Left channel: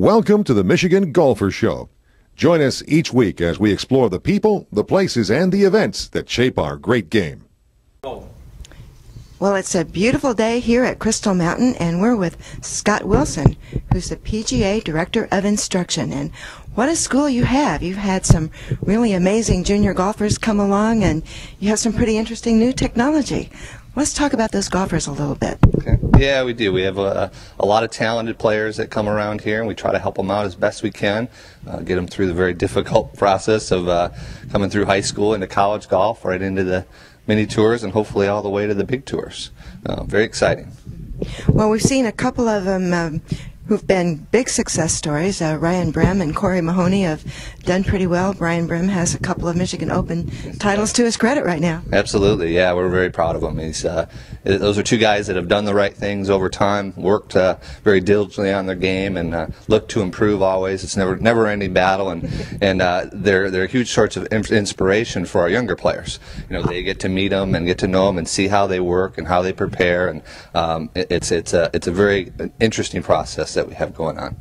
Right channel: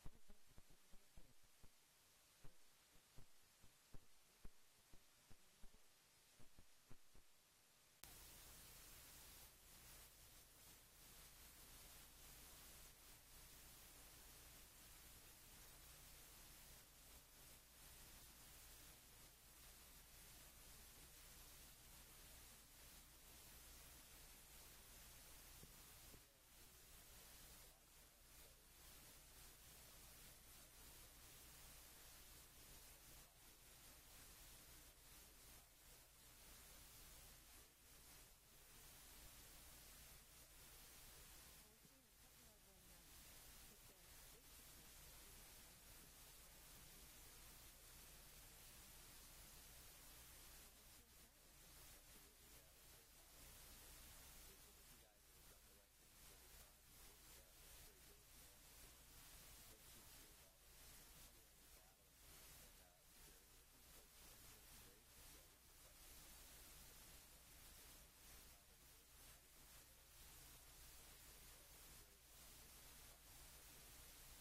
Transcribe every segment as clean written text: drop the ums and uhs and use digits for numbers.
Welcome to the Michigan Golfer Show. Join us each week as we explore the people, the places, and the events that shape our great game. Well, it's a beautiful day here at Crystal Mountain, and we're with Scott Wilson, who's the PGA Director of Instruction. And what a school you have. You've had some really amazing junior golfers come along, and you have some pretty interesting new technology. Let's talk about those golfers a little bit. Okay. Yeah, we do. We have a lot of talented players that come around here, and we try to help them out as best we can, get them through the very difficult process of coming through high school into college golf, right into the mini tours, and hopefully all the way to the big tours. Very exciting. Well, we've seen a couple of them who've been big success stories. Ryan Brehm and Corey Mahoney have done pretty well. Ryan Brehm has a couple of Michigan Open titles to his credit right now. Absolutely, yeah, we're very proud of him. Those are two guys that have done the right things over time, worked very diligently on their game, and looked to improve always. It's never any battle, and they're huge sorts of inspiration for our younger players. You know, they get to meet them and get to know them and see how they work and how they prepare, and it's a very interesting process that we have going on.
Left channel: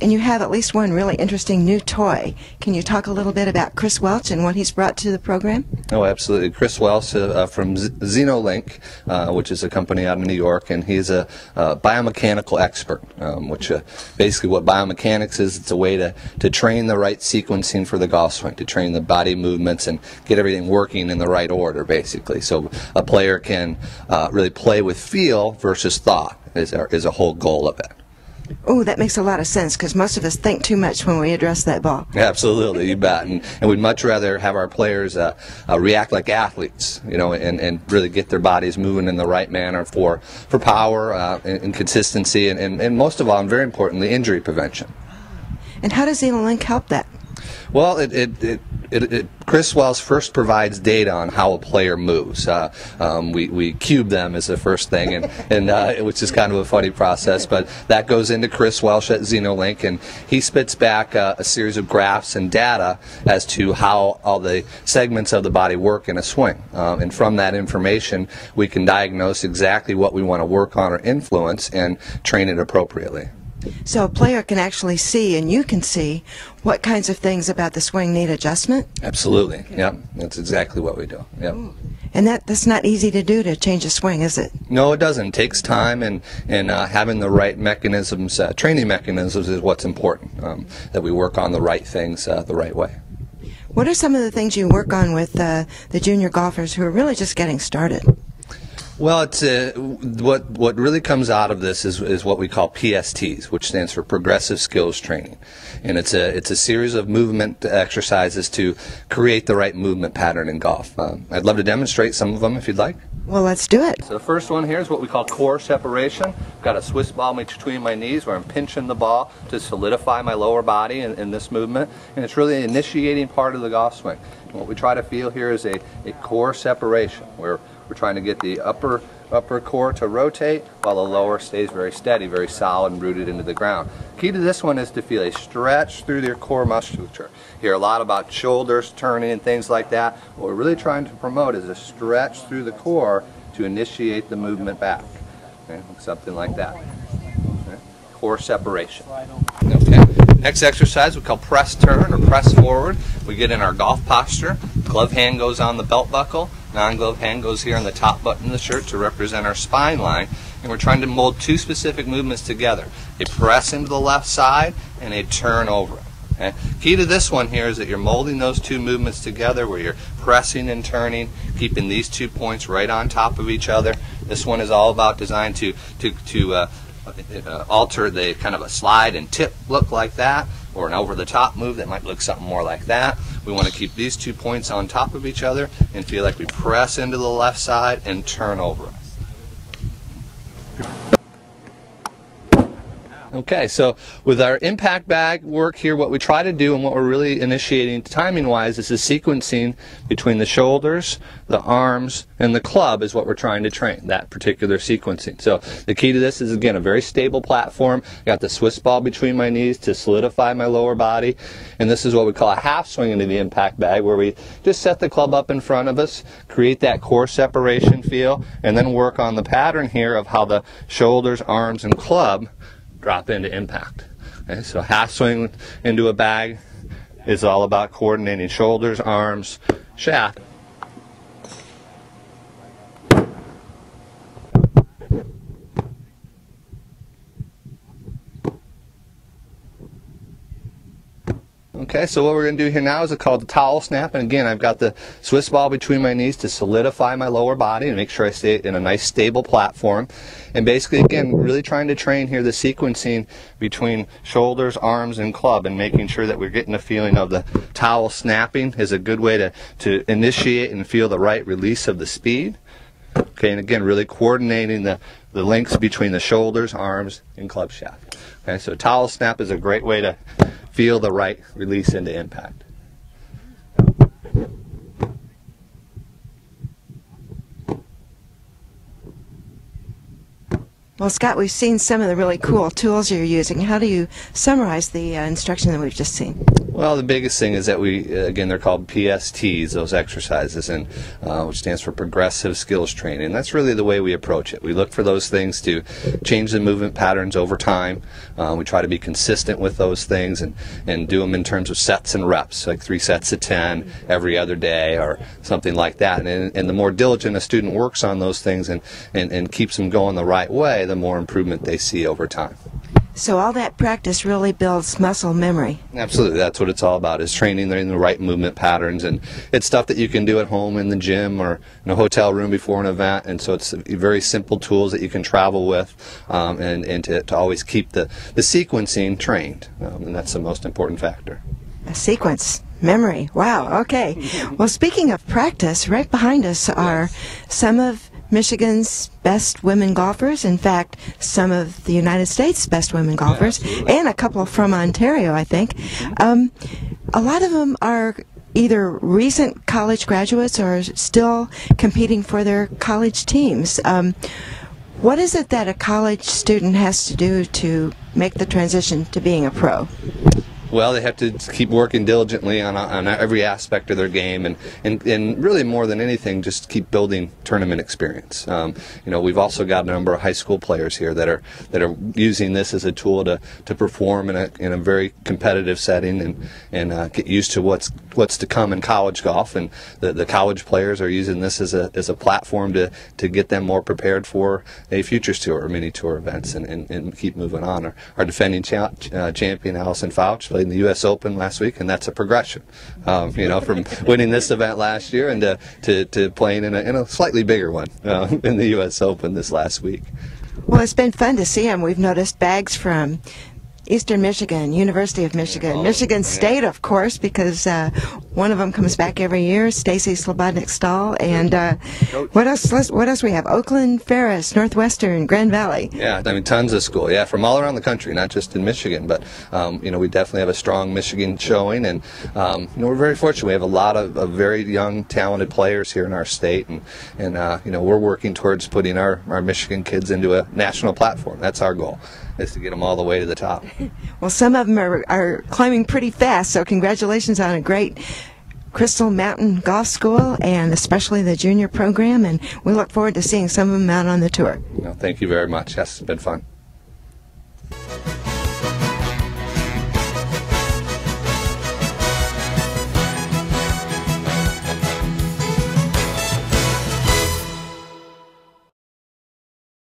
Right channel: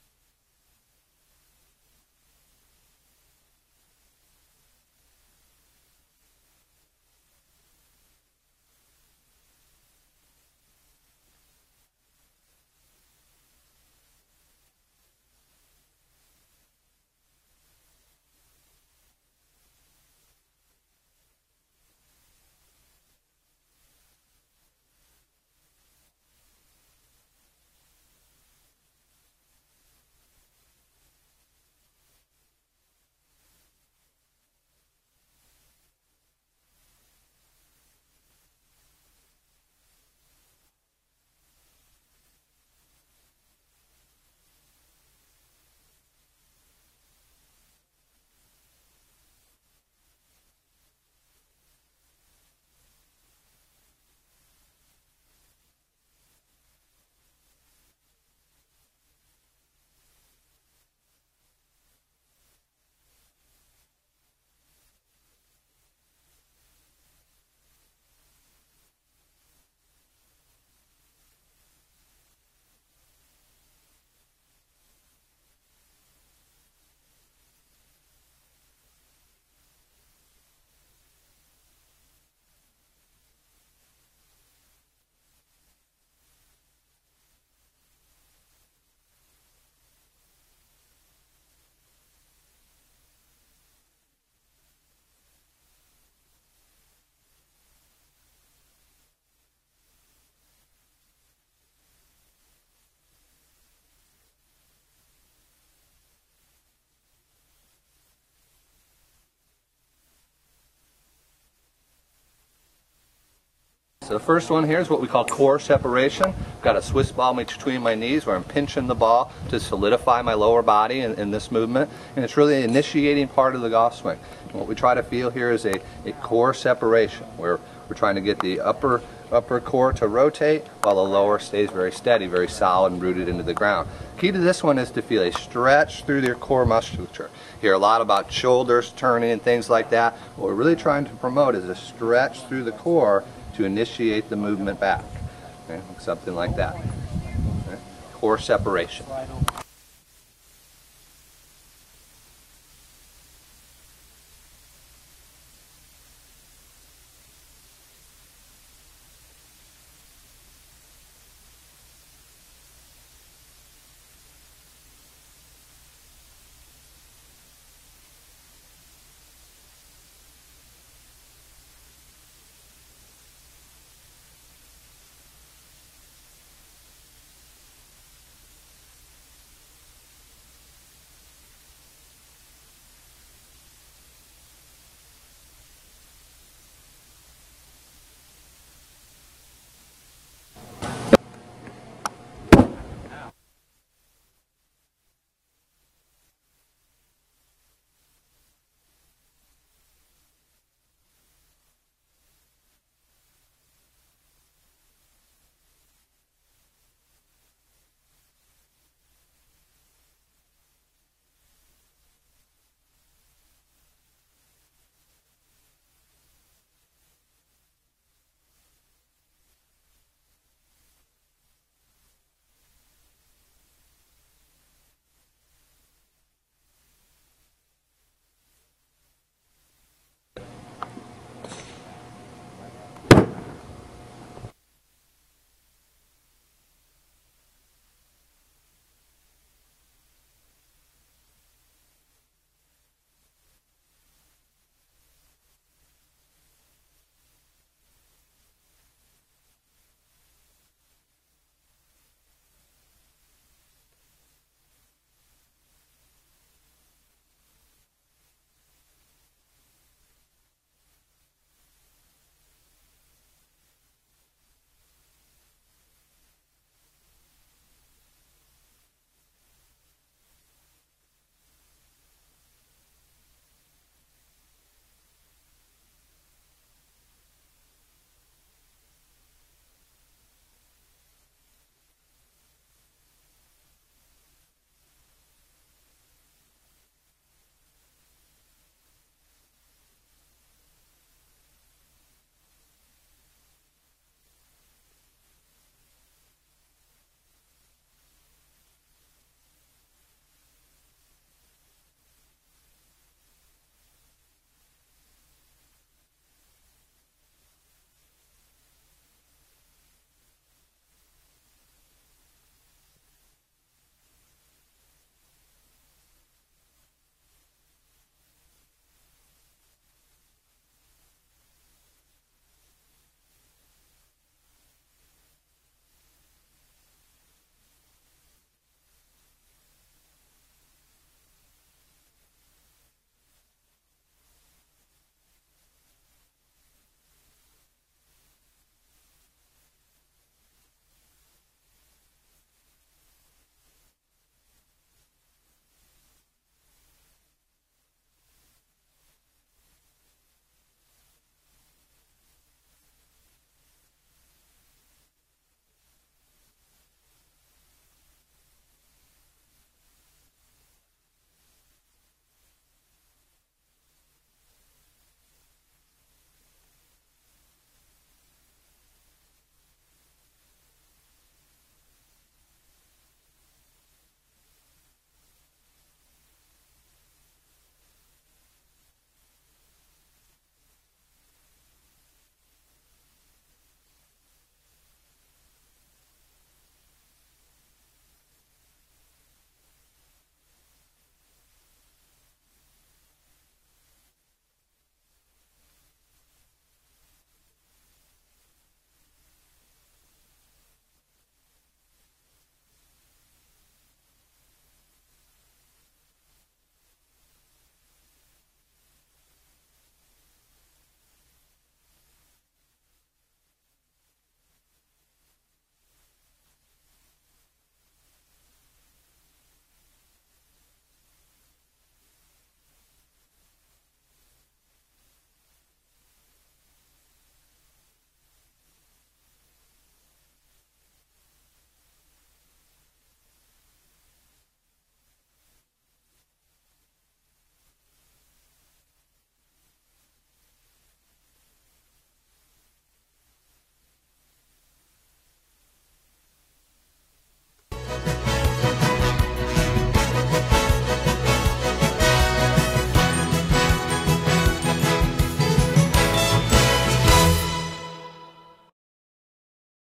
And you have at least one really interesting new toy. Can you talk a little bit about Chris Welch and what he's brought to the program? Oh, absolutely. Chris Welch from XenoLink, which is a company out of New York, and he's a biomechanical expert, which basically what biomechanics is, it's a way to train the right sequencing for the golf swing, to train the body movements and get everything working in the right order, basically. So a player can really play with feel versus thought is a whole goal of it. Oh, that makes a lot of sense, because most of us think too much when we address that ball. Absolutely, you bet. And we'd much rather have our players react like athletes, you know, and really get their bodies moving in the right manner for power and consistency, and most of all, and very importantly, injury prevention. And how does XenoLink help that? Well, Chris Wells first provides data on how a player moves. We cube them as the first thing, and which is kind of a funny process, but that goes into Chris Welsh at XenoLink, and he spits back a series of graphs and data as to how all the segments of the body work in a swing. And from that information, we can diagnose exactly what we want to work on or influence and train it appropriately. So a player can actually see, and you can see, what kinds of things about the swing need adjustment? Absolutely. Yep. That's exactly what we do. Yep. Ooh. And that's not easy to do, to change a swing, is it? No, it doesn't. It takes time, and having the right mechanisms, training mechanisms is what's important, that we work on the right things the right way. What are some of the things you work on with the junior golfers who are really just getting started? Well, it's what really comes out of this is what we call PSTs, which stands for Progressive Skills Training, and it's a series of movement exercises to create the right movement pattern in golf. I'd love to demonstrate some of them if you'd like. Well, let's do it. So the first one here is what we call core separation. I've got a Swiss ball between my knees where I'm pinching the ball to solidify my lower body in this movement, and it's really an initiating part of the golf swing. And what we try to feel here is a core separation, where we're trying to get the upper core to rotate while the lower stays very steady, very solid and rooted into the ground. Key to this one is to feel a stretch through your core musculature. You hear a lot about shoulders turning and things like that. What we're really trying to promote is a stretch through the core to initiate the movement back. Okay? Something like that. Okay? Core separation. Okay. Next exercise we call press turn or press forward. We get in our golf posture. Glove hand goes on the belt buckle. Non-glove hand goes here on the top button of the shirt to represent our spine line. And we're trying to mold two specific movements together. A press into the left side and a turn over. Okay? Key to this one here is that you're molding those two movements together, where you're pressing and turning, keeping these 2 points right on top of each other. This one is all about designed to alter the kind of a slide and tip look like that, or an over-the-top move that might look something more like that. We want to keep these 2 points on top of each other and feel like we press into the left side and turn over. Okay, so with our impact bag work here, what we try to do and what we're really initiating timing-wise is the sequencing between the shoulders, the arms, and the club is what we're trying to train, that particular sequencing. So the key to this is, again, a very stable platform. Got the Swiss ball between my knees to solidify my lower body, and this is what we call a half swing into the impact bag, where we just set the club up in front of us, create that core separation feel, and then work on the pattern here of how the shoulders, arms, and club drop into impact. Okay, so half swing into a bag is all about coordinating shoulders, arms, shaft. Okay, so what we're going to do here now is called the towel snap, and again, I've got the Swiss ball between my knees to solidify my lower body and make sure I stay in a nice stable platform. And basically, again, really trying to train here the sequencing between shoulders, arms, and club, and making sure that we're getting a feeling of the towel snapping is a good way to initiate and feel the right release of the speed. Okay, and again, really coordinating the links between the shoulders, arms, and club shaft. Okay, so towel snap is a great way to feel the right release into impact. Well, Scott, we've seen some of the really cool tools you're using. How do you summarize the instruction that we've just seen? Well, the biggest thing is that again, they're called PSTs, those exercises, and which stands for Progressive Skills Training. That's really the way we approach it. We look for those things to change the movement patterns over time. We try to be consistent with those things and do them in terms of sets and reps, like 3 sets of 10 every other day or something like that. And the more diligent a student works on those things and keeps them going the right way, the more improvement they see over time. So all that practice really builds muscle memory. Absolutely, that's what it's all about, is training in the right movement patterns, and it's stuff that you can do at home, in the gym, or in a hotel room before an event, and so it's very simple tools that you can travel with, and to always keep the sequencing trained, and that's the most important factor. A sequence. Memory. Wow, okay. Well, speaking of practice, right behind us are some of Michigan's best women golfers. In fact, some of the United States' best women golfers, and a couple from Ontario, I think. A lot of them are either recent college graduates or still competing for their college teams. What is it that a college student has to do to make the transition to being a pro? Well, they have to keep working diligently on every aspect of their game, and really more than anything, just keep building tournament experience. We've also got a number of high school players here that are using this as a tool to perform in a very competitive setting and get used to what's to come in college golf. And the college players are using this as a platform to get them more prepared for a Futures Tour or mini tour events and keep moving on. Our defending champion Allison Fouch played in the U.S. Open last week, and that's a progression, from winning this event last year and to playing in a slightly bigger one in the U.S. Open this last week. Well, it's been fun to see them. We've noticed bags from Eastern Michigan, University of Michigan, Michigan State, of course, because one of them comes back every year, Stacy Slobodnik-Stahl, and what else we have? Oakland, Ferris, Northwestern, Grand Valley. Yeah, I mean, tons of school, from all around the country, not just in Michigan, but we definitely have a strong Michigan showing, and we're very fortunate. We have a lot of very young, talented players here in our state, and we're working towards putting our Michigan kids into a national platform. That's our goal, is to get them all the way to the top. Well, some of them are climbing pretty fast, so congratulations on a great Crystal Mountain Golf School, and especially the junior program, and we look forward to seeing some of them out on the tour. Thank you very much. Yes, it's been fun.